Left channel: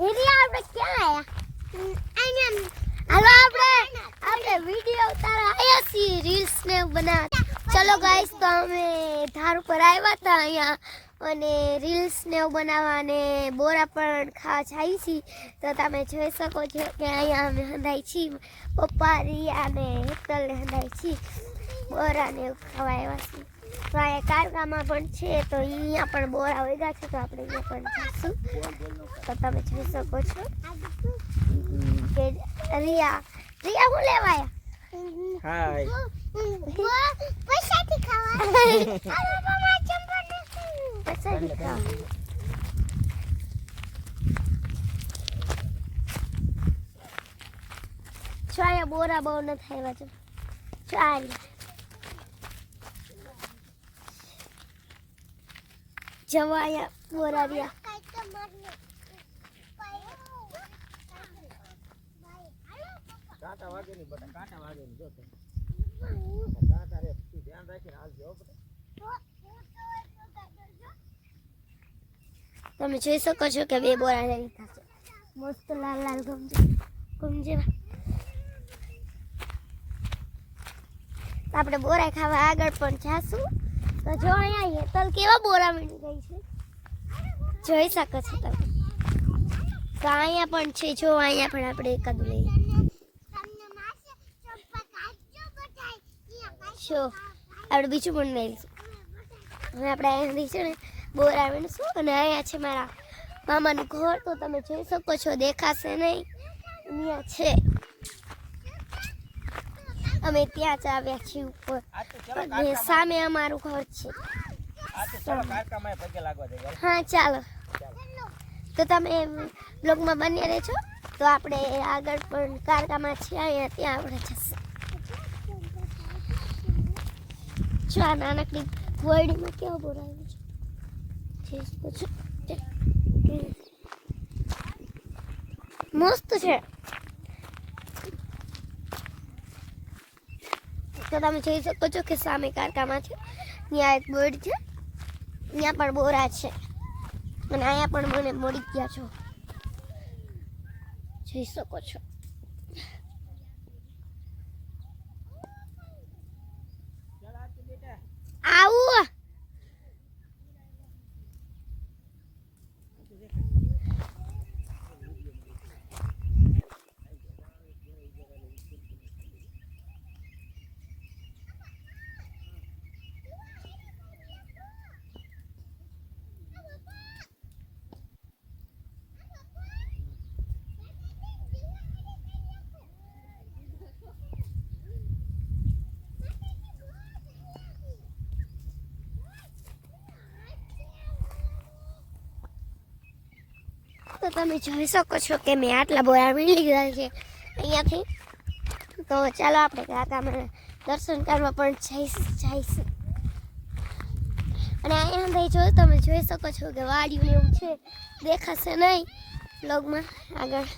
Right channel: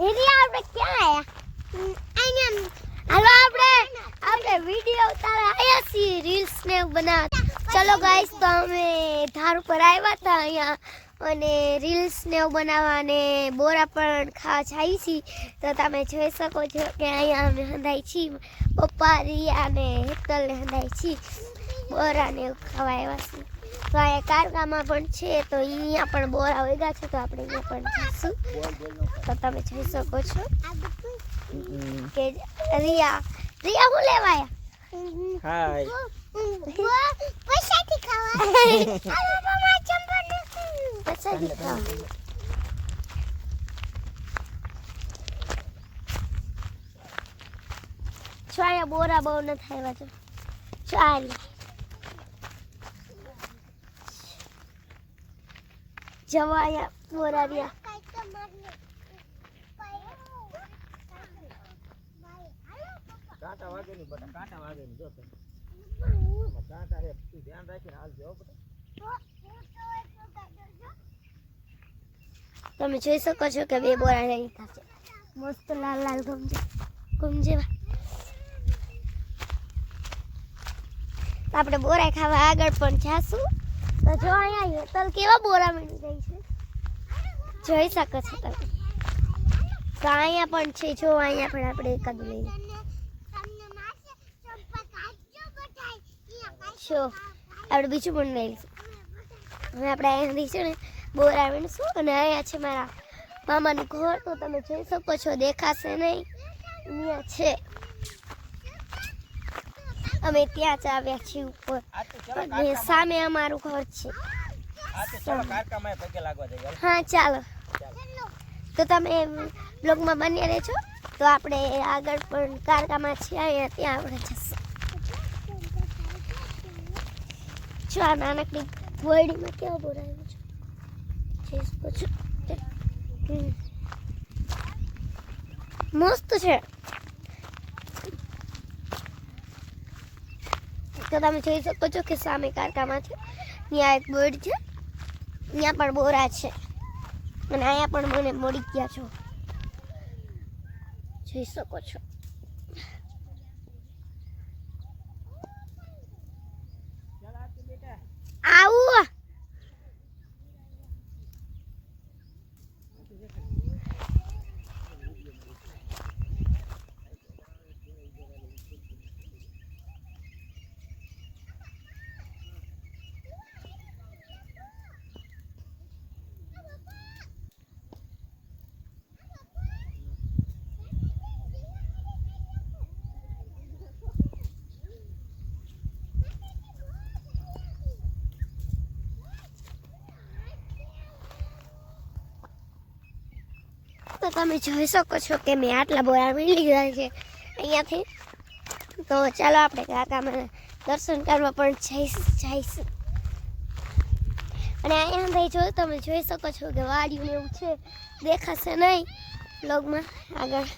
એટલે આપણે ક્યાં આયા હાલો આપણે વિડિયો ઉતારવા આયા છીએ રીલ્સ ને બનાવવા ચલો ગાઈસ તો અમે ધાર ઉપર આવ્યા હતા અહીંયા અને રીલ્સ ને બનાવવા અને બોરા પણ ખાવા જાય છીએ તો તમે જોઈ શકો છો કે અહીંયા અમે હંધાઈ છીએ પપ્પા રિયા ને હેતલ ને હંધાઈ છીએ બોરા ને ખાવા આવ્યા છીએ તો અહીંયા કારગામાં પણ છે તો અહીંયા પણ બોરા વગ્યા છે તો આપણે અહીંયા પણ જઈશું તો તમે જોઈ શકો છો કે રિયા હું લેવાયા હાય પૈસાથી ખાવા પૈસાથી ખાવા છાયા બોરા બહુ ન થાય છે ચાલ જવાયા બોરા રહ્યા કાંટા વાગે ની બટા કાંટા વાગે ની જો કાંટા રે તું ધ્યાન રાખીને હાલજો બટા તમે જોઈ શકો છો કે બે બોરા લઈ થશે મસ્ત લાલ લાલ ગમજે આપણે બોરા ખાવા આગળ પણ જાશું તો જો અહીંયા હેતલ કેવા બોરા મળી રહી છે જોઈ શકો છો તમે તો અહીંયા પણ છે જો અહીંયા પણ આપણે એકાદ લઈએ જો આપણે બીજું પણ લઈશું હવે આપણે અહીંયા રહીશું ને બોરા વીણશું અને અહીંયા છે મારા મામાનું ઘર તો તમે જોઈ શકો છો દેખાશે નહીં અહીંયા છે અમે ત્યાં જ આવ્યા છીએ ઉપર અને સામે અમારું ઘર છે હા ચાલો તો તમે બ્લોગમાં બન્યા રહેજો તો આપણે આગળ પણ કારકામાં છીએ અહીંયા ત્યાં આપણે જશું જો આ નાનકડી વોયડીમાં કેવો બોરાયો છે મસ્ત છે તો તમે જોઈ શકો છો કે સામે કારકામાં છે ત્યાં એક બોર્ડ છે ત્યાં પણ બોરા છે અને અહીંયા પણ મને મળી ગયા છો જોઈ શકો છો આવું તો તમે જોઈ શકો છો કે મેં આટલા બોરા મળી લીધા છે અહીંયાથી તો ચાલો આપણે કાકામાં દર્શન કરવા પણ જઈશું અને અહીંયા તમે જોઈ શકો છો કે વાડિયું એવું છે દેખાશે નહીં બ્લોગમાં આગળ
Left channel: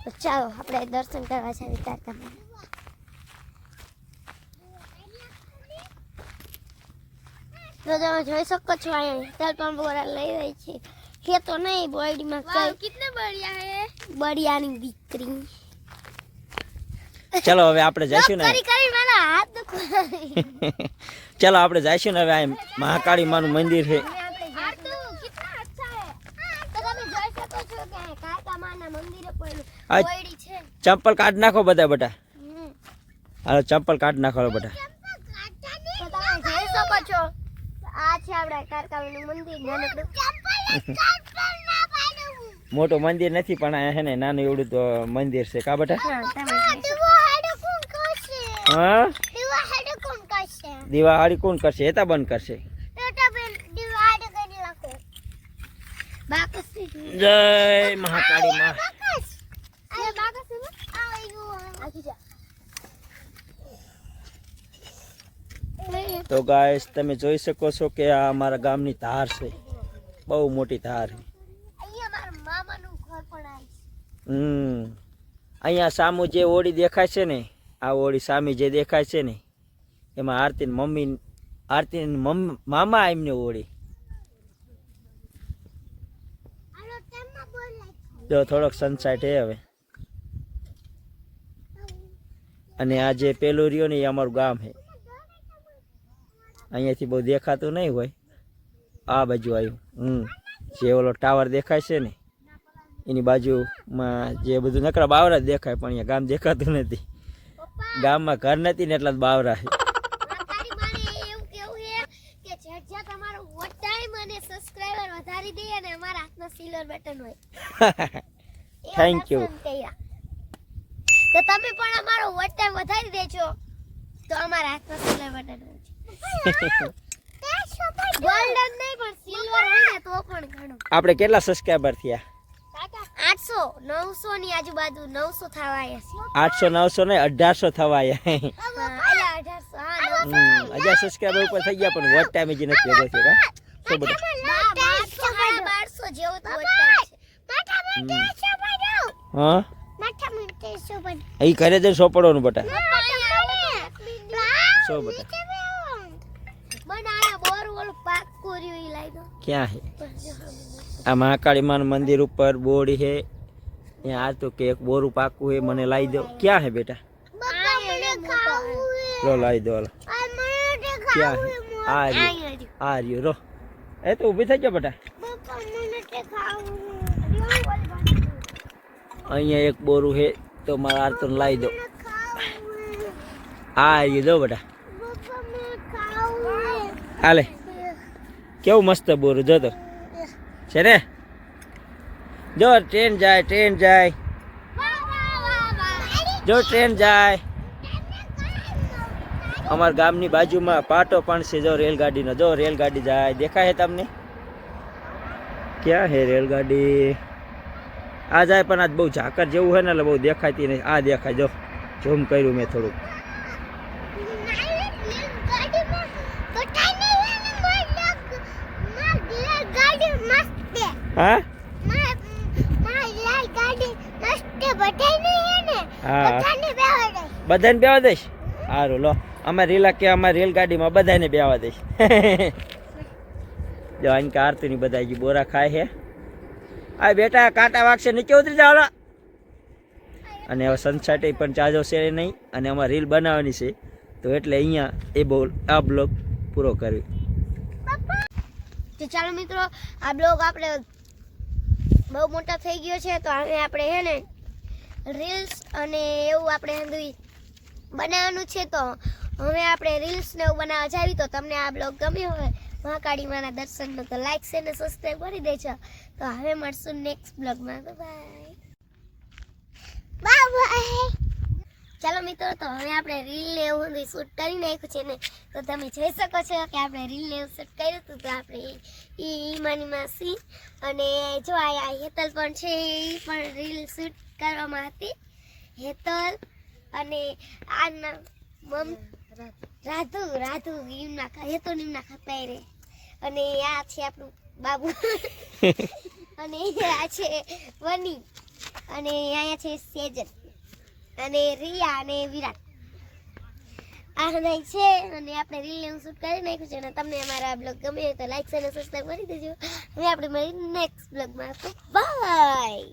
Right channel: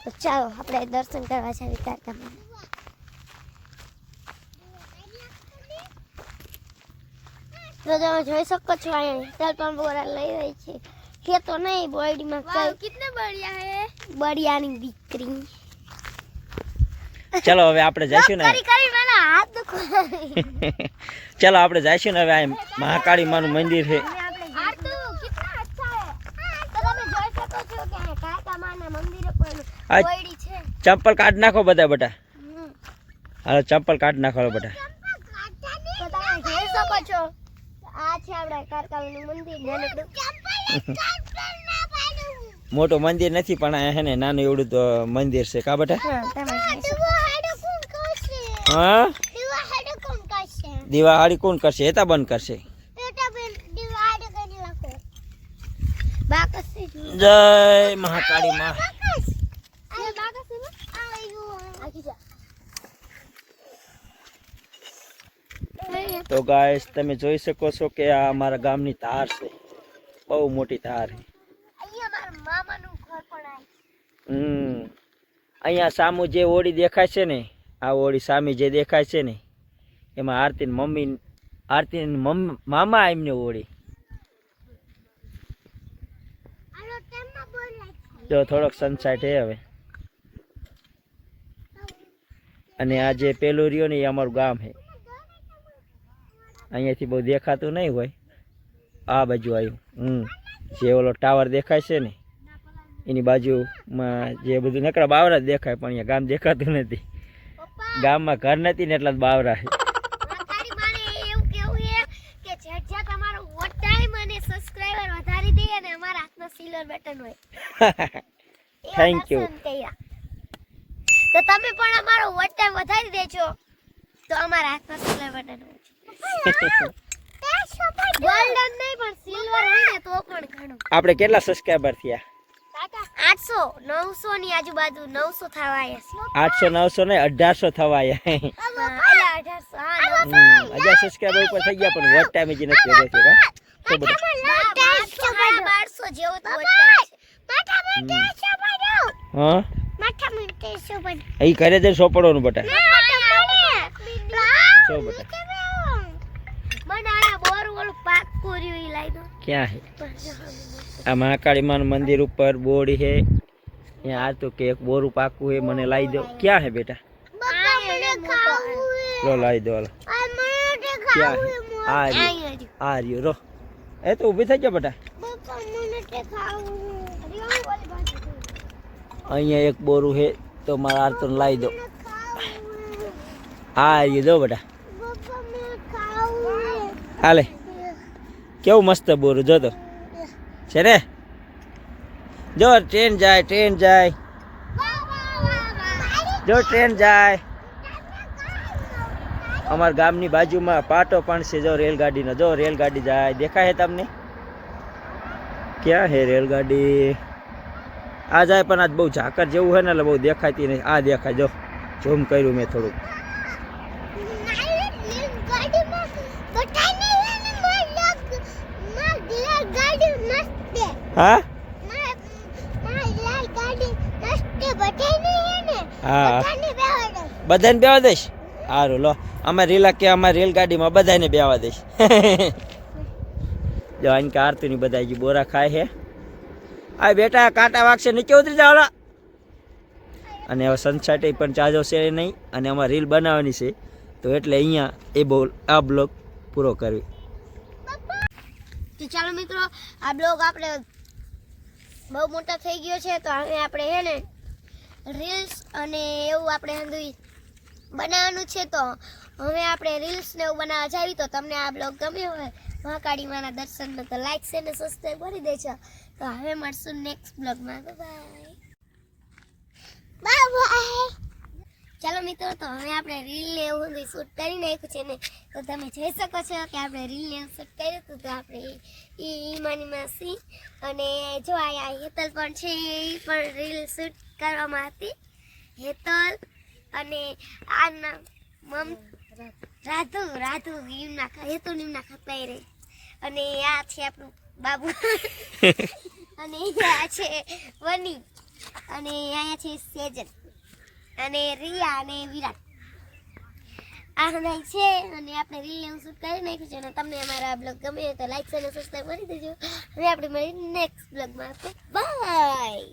તો ચાલો આપણે દર્શન કરવા જઈએ કાકામાં તો તમે જોઈ શકો છો અહીંયા પણ બોરા લઈ રહી છે ये तो नहीं बॉडी में कितने बढ़िया है बढ़िया नहीं दिख रही चलो હવે આપણે જઈશું ને કરી મને હાથ દુખો ચલો આપણે જઈશું ને હવે આ મહાકાળી માનું મંદિર છે આ તો કિतना अच्छा है તો તમે જોઈ શકો છો કે આ કાકા માના મંદિરે પણ બોડી છે ચંપલ કાઢ નાખો બધા બેટા હાલો ચંપલ કાઢ નાખો બેટા તો તમે જોઈ શકો છો આ છે આપણા કારકાનું મંદિર મોટું મંદિર નથી પણ આ હે ને નાનું એવડું તો મંદિર છે કા બેટા હા દિવાળી કોણ કરશે એતા બંધ કરશે જય મહાકાળી માં તો ગાઈસ તમે જોઈ શકો છો કે આ અમારા ગામની ધાર છે બહુ મોટી ધાર છે અહીંયા સામુ જે ઓડી દેખાય છે ને આ ઓડી સામી જે દેખાય છે ને એમાં આરતી મામા એમને ઓડી જો થોડોક સનસાઇટ હે હવે. અને આ જે પેલું રહ્યો ને એ અમારું ગામ છે. અહીંયાથી બહુ દેખાતું નહીં હોય. આ બાજુ આવ્યું. જે ઓલો ટાવર દેખાય છે ને એની બાજુમાં જે બધું નકરા બાવરા જ દેખાય, પણ અહીંયા ગામ દેખાતું નથી. ગામમાં ઘર નથી ને એટલા જ બાવરા છે. Thank you. તો તમે પણ અમારો વોટ ટાઈમ વધારી દેજો તો અમારા હાથમાં સિલ્વર બટન હોય. ગોલ્ડન નહીં પણ સિલ્વર હોય ને તો પણ ઘણું. આપણે કેટલા સબસ્ક્રાઇબર થયા? 800 900 ની આજુબાજુ 900 થવા આવ્યા. 800 900 ને 1800 થવા આવ્યા. એટલે 1800 હા 900. હજાર સબસ્ક્રાઇબર ઉપર થઈ ગયા, પણ વોટ ટાઈમ જ નથી ભેગો થયો. શું બધા 1200 જેવો તો વોટ ટાઈમ છે. હા માથા મિનિટે શું બન એ ઘરે જઈને સોપડવાનું બટા. શું બટા મને આ બોર ઓલું પાક કોર્યું ઈ લાઈ દો. ક્યાં હે? આ મહાકાળી માનું મંદિર ઉપર બોર્ડ હે. ત્યાં આ તો કે એક બોરું પાકું હે, મને લાવી દો. ક્યાં હે બેટા? લો લાવી દો. લો ક્યાં હે? આ રહ્યું, આ રહ્યું. રો એ તો ઊભી થઈ ગયો બેટા. અહીંયા એક બોરું હે તો મારા આરતોને લાવી દો. આ રહ્યું દો બેટા. હાલે કેવું મસ્ત બોરું જો તો છે ને. જો ટ્રેન જાય, ટ્રેન જાય, જો ટ્રેન જાય. અમારા ગામની બાજુમાં પાટો પણ છે જો રેલગાડીનો. જો રેલગાડી જાય દેખાય છે તમને? ક્યાં હે રેલગાડી? આ જાય પણ આજ બહુ ઝાકર જેવું છે ને એટલે બહુ દેખાતી નહીં. આ દેખાય જો, ઝૂમ કર્યું મેં થોડુંક. હા બધાને બેવા દઈશ. સારું લો, અમે રીલા કે અમારી રેલગાડીમાં બધાને બેવા દઈશ. જો આને કે આરતીની બધા હજી બોરા ખાય છે. આ બેટા કાંટા વાગશે નીચે ઉતરી જાવ. અને હવે સનસાઇટ પણ ચાર્જો છે નહીં, અને અમારે રીલ બનાવવાની છે તો એટલે અહીંયા આ બ્લોગ પૂરો કરવી. તો ચાલો મિત્રો, આ બ્લોગ આપણે બહુ મોટો થઈ ગયો છે તો હવે આપણે હે ને રીલ્સ અને એવું આપણે હંધુઈ બનાવવાનું છે. તો હવે આપણે રીલ્સ ને એવું બનાવવા જાવી. તો તમને આ બ્લોગ ગમ્યો હોય મહાકાળી માના દર્શનનો તો લાઈક છે ને સબસ્ક્રાઇબ કરી દેજો. તો હવે મળશું નેક્સ્ટ બ્લોગમાં. Bye bye. ચાલો મિત્રો, તો હવે આપણે રીલ ને એવું શૂટ કરી નાખ્યું છે ને, તો તમે જોઈ શકો છો કે આપણે રીલ ને એવું શૂટ કર્યું હતું. તો આપણે ઈમાની માસી અને જો આ હેતલ પણ છે, એ પણ રીલ શૂટ કરવામાં હતી. હેતલ અને આના રાધુ એમના હેતલ એમના ખપાઈ રે. અને આ છે આપણું બાબુ અને આ છે વની, અને અહીંયા છે સેજન અને રિયા અને વિરાટ. આ નહીં છે અને આપણે રીલ ને શૂટ કરી નાખ્યું છે. અને તમને અમારા બ્લોગ ગમે તો લાઈક અને સબસ્ક્રાઇબ કરી દેજો. હવે આપણે મળીએ નેક્સ્ટ બ્લોગમાં. બાય.